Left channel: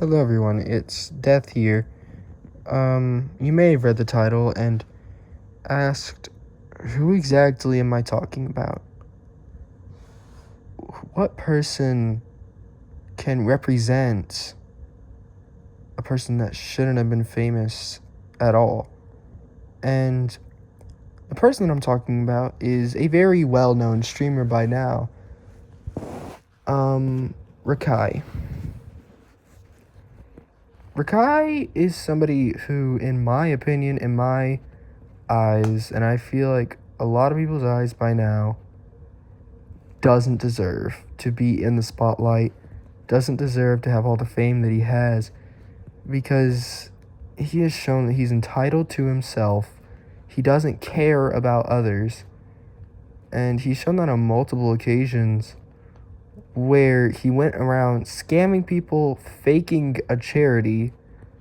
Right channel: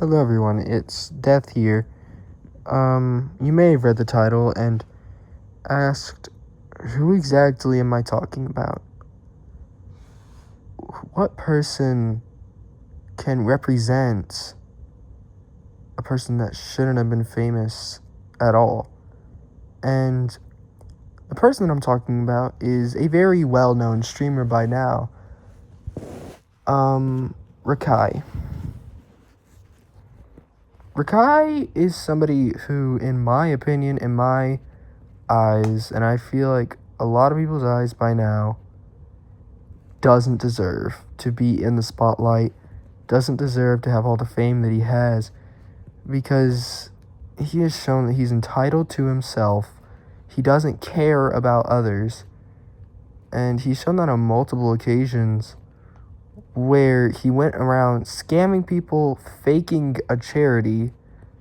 Hello everyone, it's Death here. You may have read the title and asked, who exactly am I talking about? What person can represent a person that shouldn't have been famous at all? And the person that I'm talking about is a very well-known streamer by now, Rakai. Rakai is somebody who, in my opinion, in my eyes, and I feel like a lot of people's eyes by now, doesn't deserve to be in the spotlight, doesn't deserve to have all the fame that he has, because he has shown that he's entitled to himself. He doesn't care about others, and he's shown that on multiple occasions where he went around scamming people, faking a charity,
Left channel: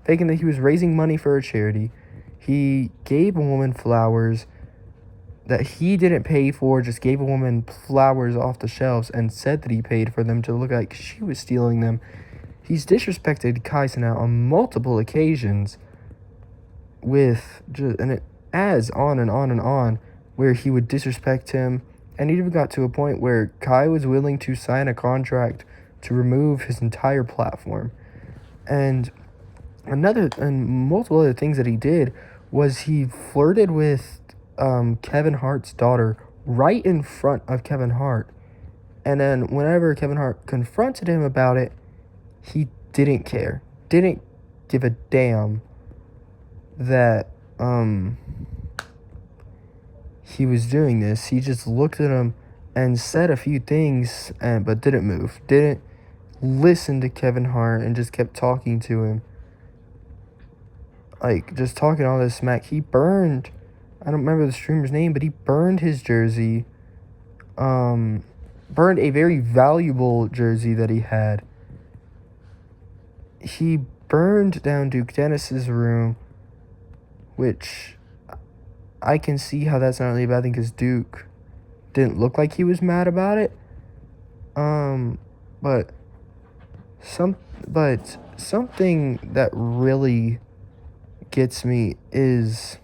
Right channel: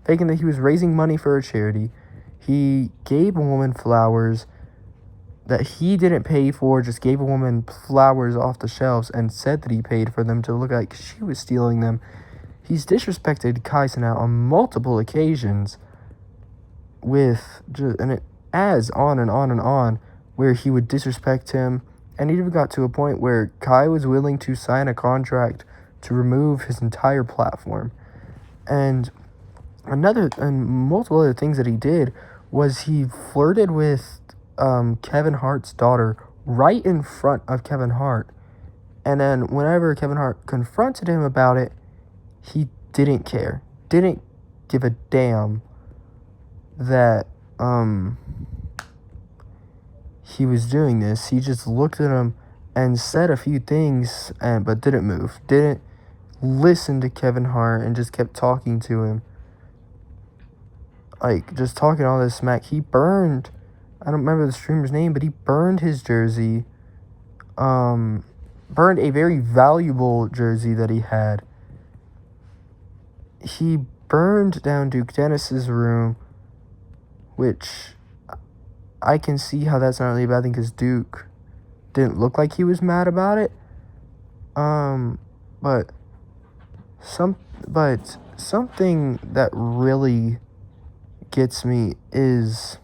faking that he was raising money for a charity. He gave a woman flowers that he didn't pay for, just gave a woman flowers off the shelves and said that he paid for them to look like she was stealing them. He's disrespected Kai Cenat on multiple occasions with just, and it adds on and on and on, where he would disrespect him, and it even got to a point where Kai was willing to sign a contract to remove his entire platform. And multiple other things that he did was he flirted with Kevin Hart's daughter right in front of Kevin Hart. And then whenever Kevin Hart confronted him about it, he didn't care. Didn't give a damn that he was doing this. He just looked at him and said a few things but didn't move. Didn't listen to Kevin Hart and just kept talking to him. Like, just talking all this smack. He burned, I don't remember the streamer's name, but he burned his jersey. Burned a very valuable jersey that he had. He burned down Duke Dennis's room, which I can see how that's not really a bad thing because Duke didn't look like he was mad about it. But something that really gets me is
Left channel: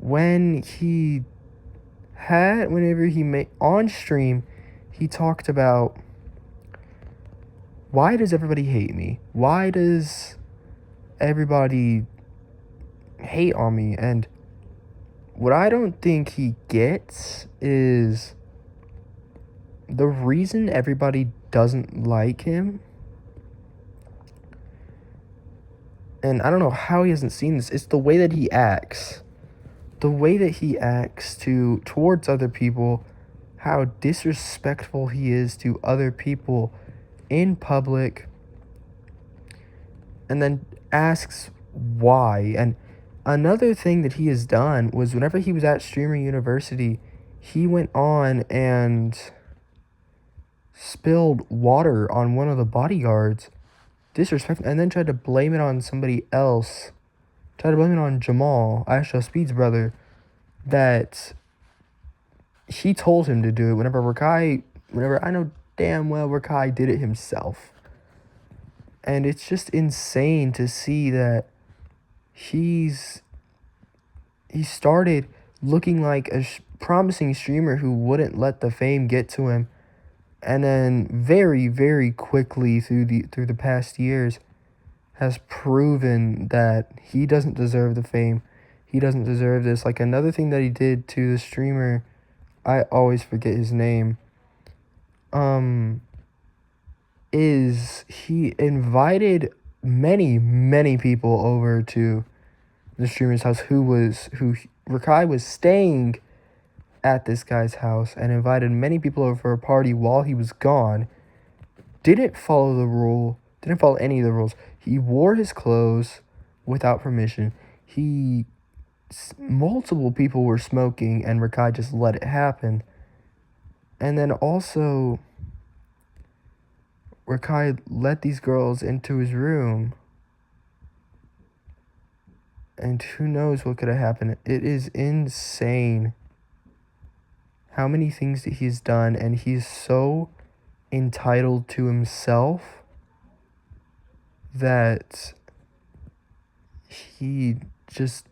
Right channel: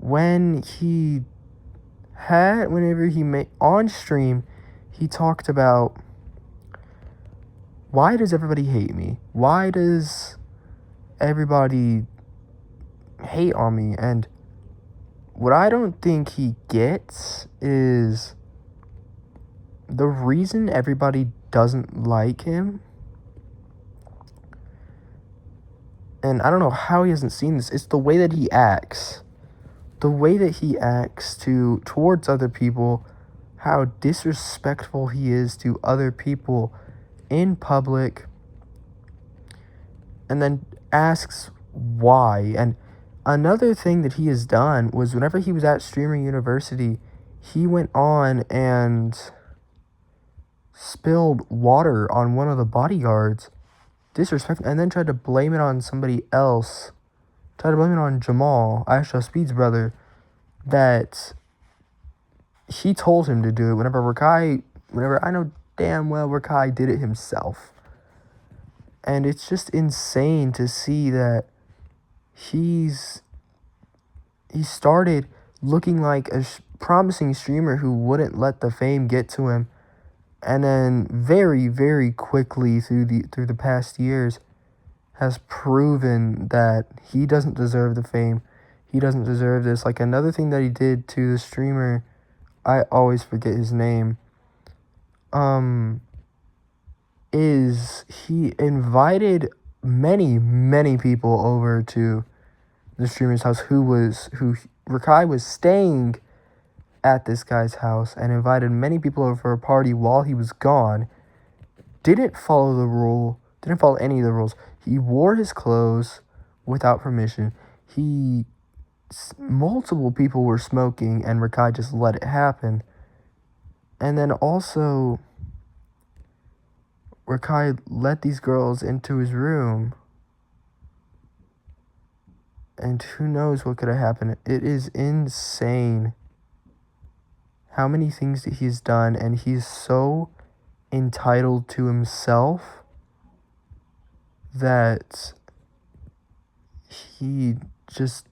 whenever he made on stream, he talked about, why does everybody hate me? Why does everybody hate on me? And what I don't think he gets is the reason everybody doesn't like him, and I don't know how he hasn't seen this, it's the way that he acts. The way that he acts towards other people, how disrespectful he is to other people in public, and then asks why. And another thing that he has done was whenever he was at Streamer University, he went on and spilled water on one of the bodyguards, disrespectful, and then tried to blame it on somebody else. Tried to blame it on Jamal, Astro Speed's brother, that he told him to do it whenever I know damn well Rakai did it himself. And it's just insane to see that he started looking like a promising streamer who wouldn't let the fame get to him, and then very, very quickly through the past years has proven that he doesn't deserve the fame. He doesn't deserve this. Like, another thing that he did to the streamer, I always forget his name, is he invited many people over to the streamer's house who Rakai was staying at this guy's house, and invited many people over for a party while he was gone. Didn't follow any of the rules. He wore his clothes without permission. Multiple people were smoking, and Rakai just let it happen. And then also, Rakai let these girls into his room, and who knows what could have happened. It is insane how many things that he's done, and he's so entitled to himself that he just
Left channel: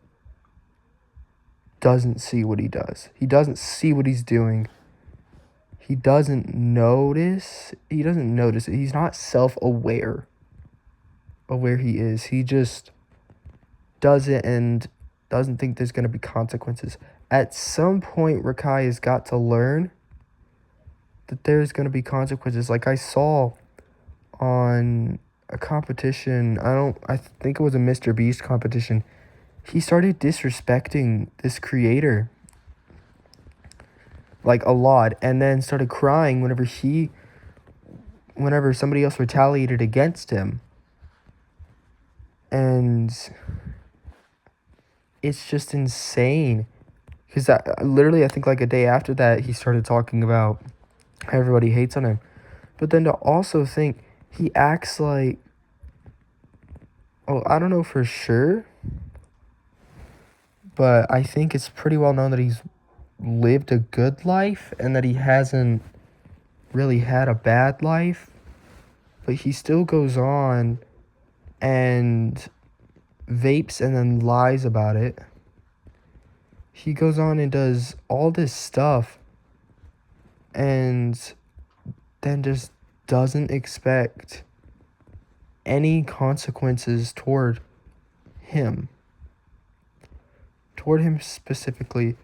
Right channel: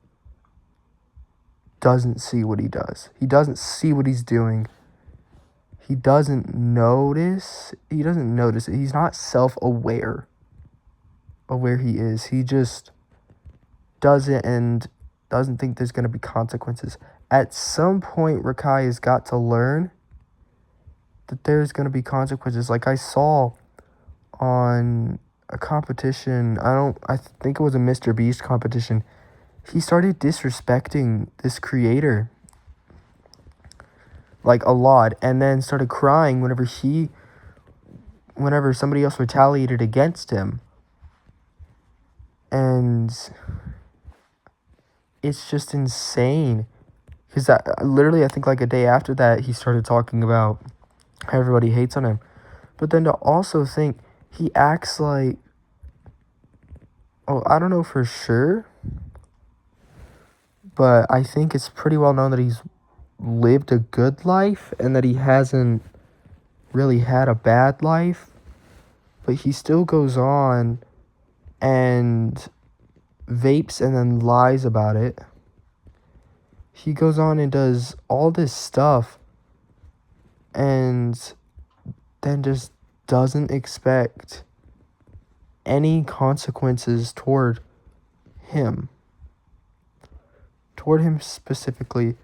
doesn't see what he does. He doesn't see what he's doing. He doesn't notice. He doesn't notice it. He's not self-aware of where he is. He just does it and doesn't think there's going to be consequences. At some point, Rakai has got to learn that there's going to be consequences. Like I saw on a competition, I think it was a Mr. Beast competition. He started disrespecting this creator like a lot, and then started crying whenever somebody else retaliated against him. And it's just insane, because I think like a day after that, he started talking about how everybody hates on him. But then to also think he acts like, oh, I don't know for sure, but I think it's pretty well known that he's lived a good life and that he hasn't really had a bad life. But he still goes on and vapes and then lies about it. He goes on and does all this stuff and then just doesn't expect any consequences toward him specifically.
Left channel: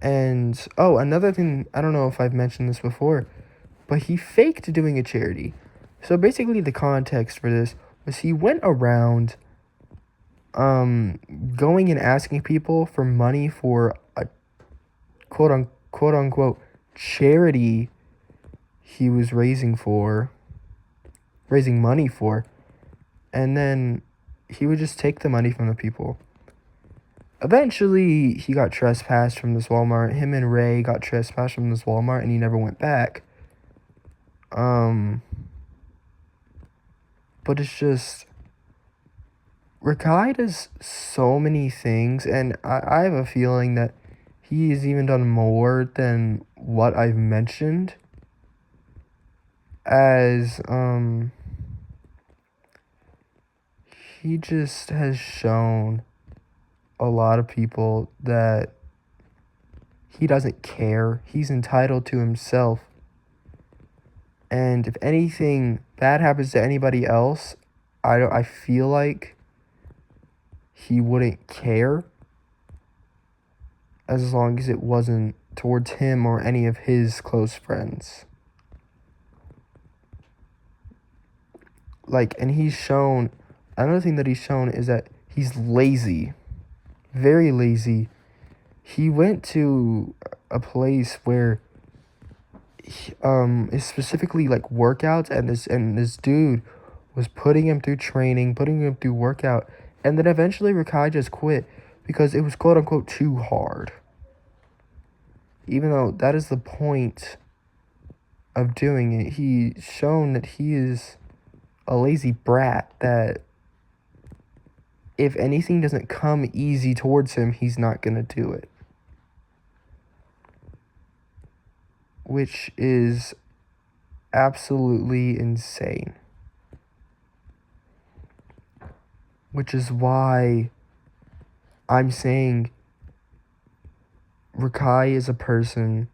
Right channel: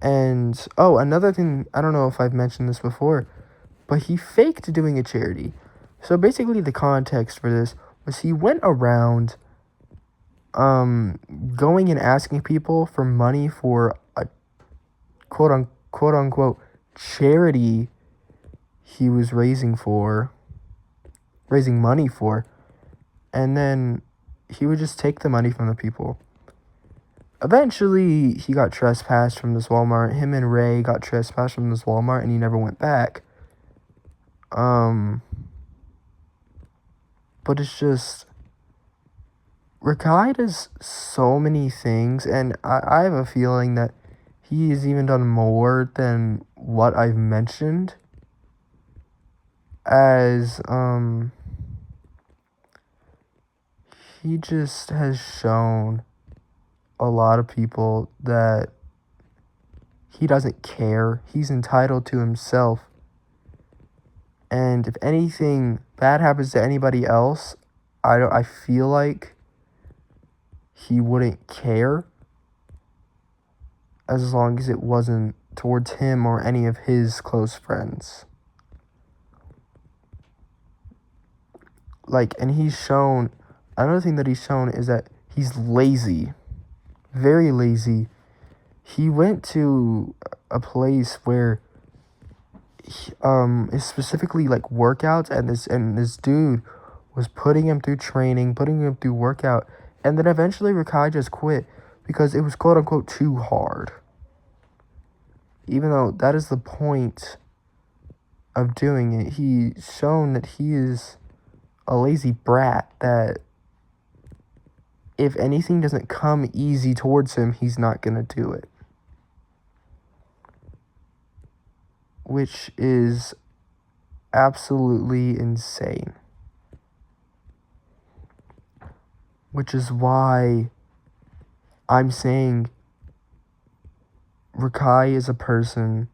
And oh, another thing, I don't know if I've mentioned this before, but he faked doing a charity. So basically the context for this was he went around going and asking people for money for a quote unquote charity he was raising money for, and then he would just take the money from the people. Eventually, he got trespassed from this Walmart. Him and Ray got trespassed from this Walmart, and he never went back. But it's just, Rakai does so many things, and I have a feeling that he has even done more than what I've mentioned. As, he just has shown a lot of people that he doesn't care. He's entitled to himself. And if anything bad happens to anybody else, I feel like he wouldn't care, as long as it wasn't towards him or any of his close friends. Like, and he's shown, another thing that he's shown is that he's lazy. Very lazy. He went to a place where is specifically like workouts, and this dude was putting him through training, putting him through workout, and then eventually Rakai just quit because it was quote unquote too hard. Even though that is the point of doing it, he's shown that he is a lazy brat, that if anything doesn't come easy towards him, he's not gonna do it. Which is absolutely insane. Which is why I'm saying Rakai is a person,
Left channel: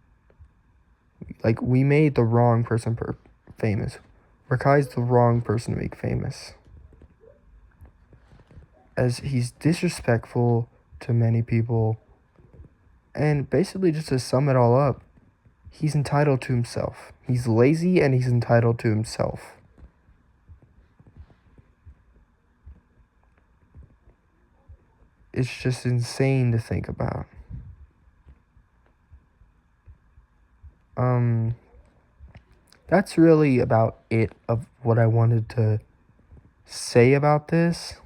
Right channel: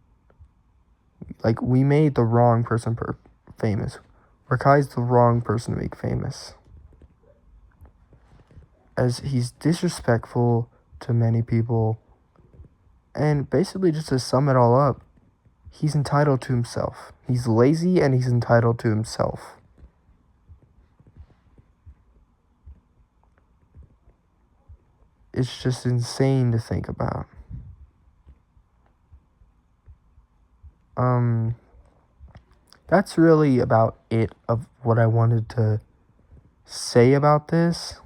like, we made the wrong person famous. Rakai's the wrong person to make famous, as he's disrespectful to many people. And basically, just to sum it all up, he's entitled to himself. He's lazy and he's entitled to himself. It's just insane to think about. That's really about it of what I wanted to say about this.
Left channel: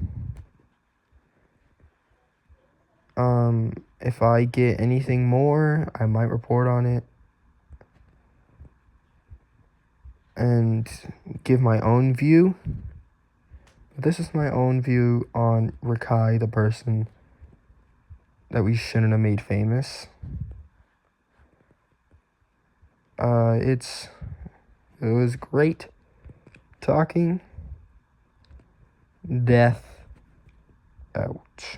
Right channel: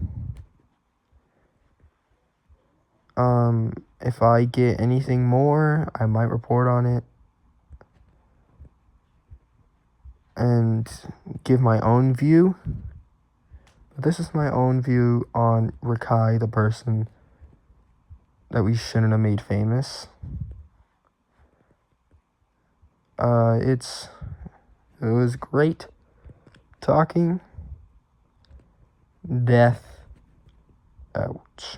If I get anything more, I might report on it and give my own view. This is my own view on Rakai, the person that we shouldn't have made famous. It was great talking. Death out.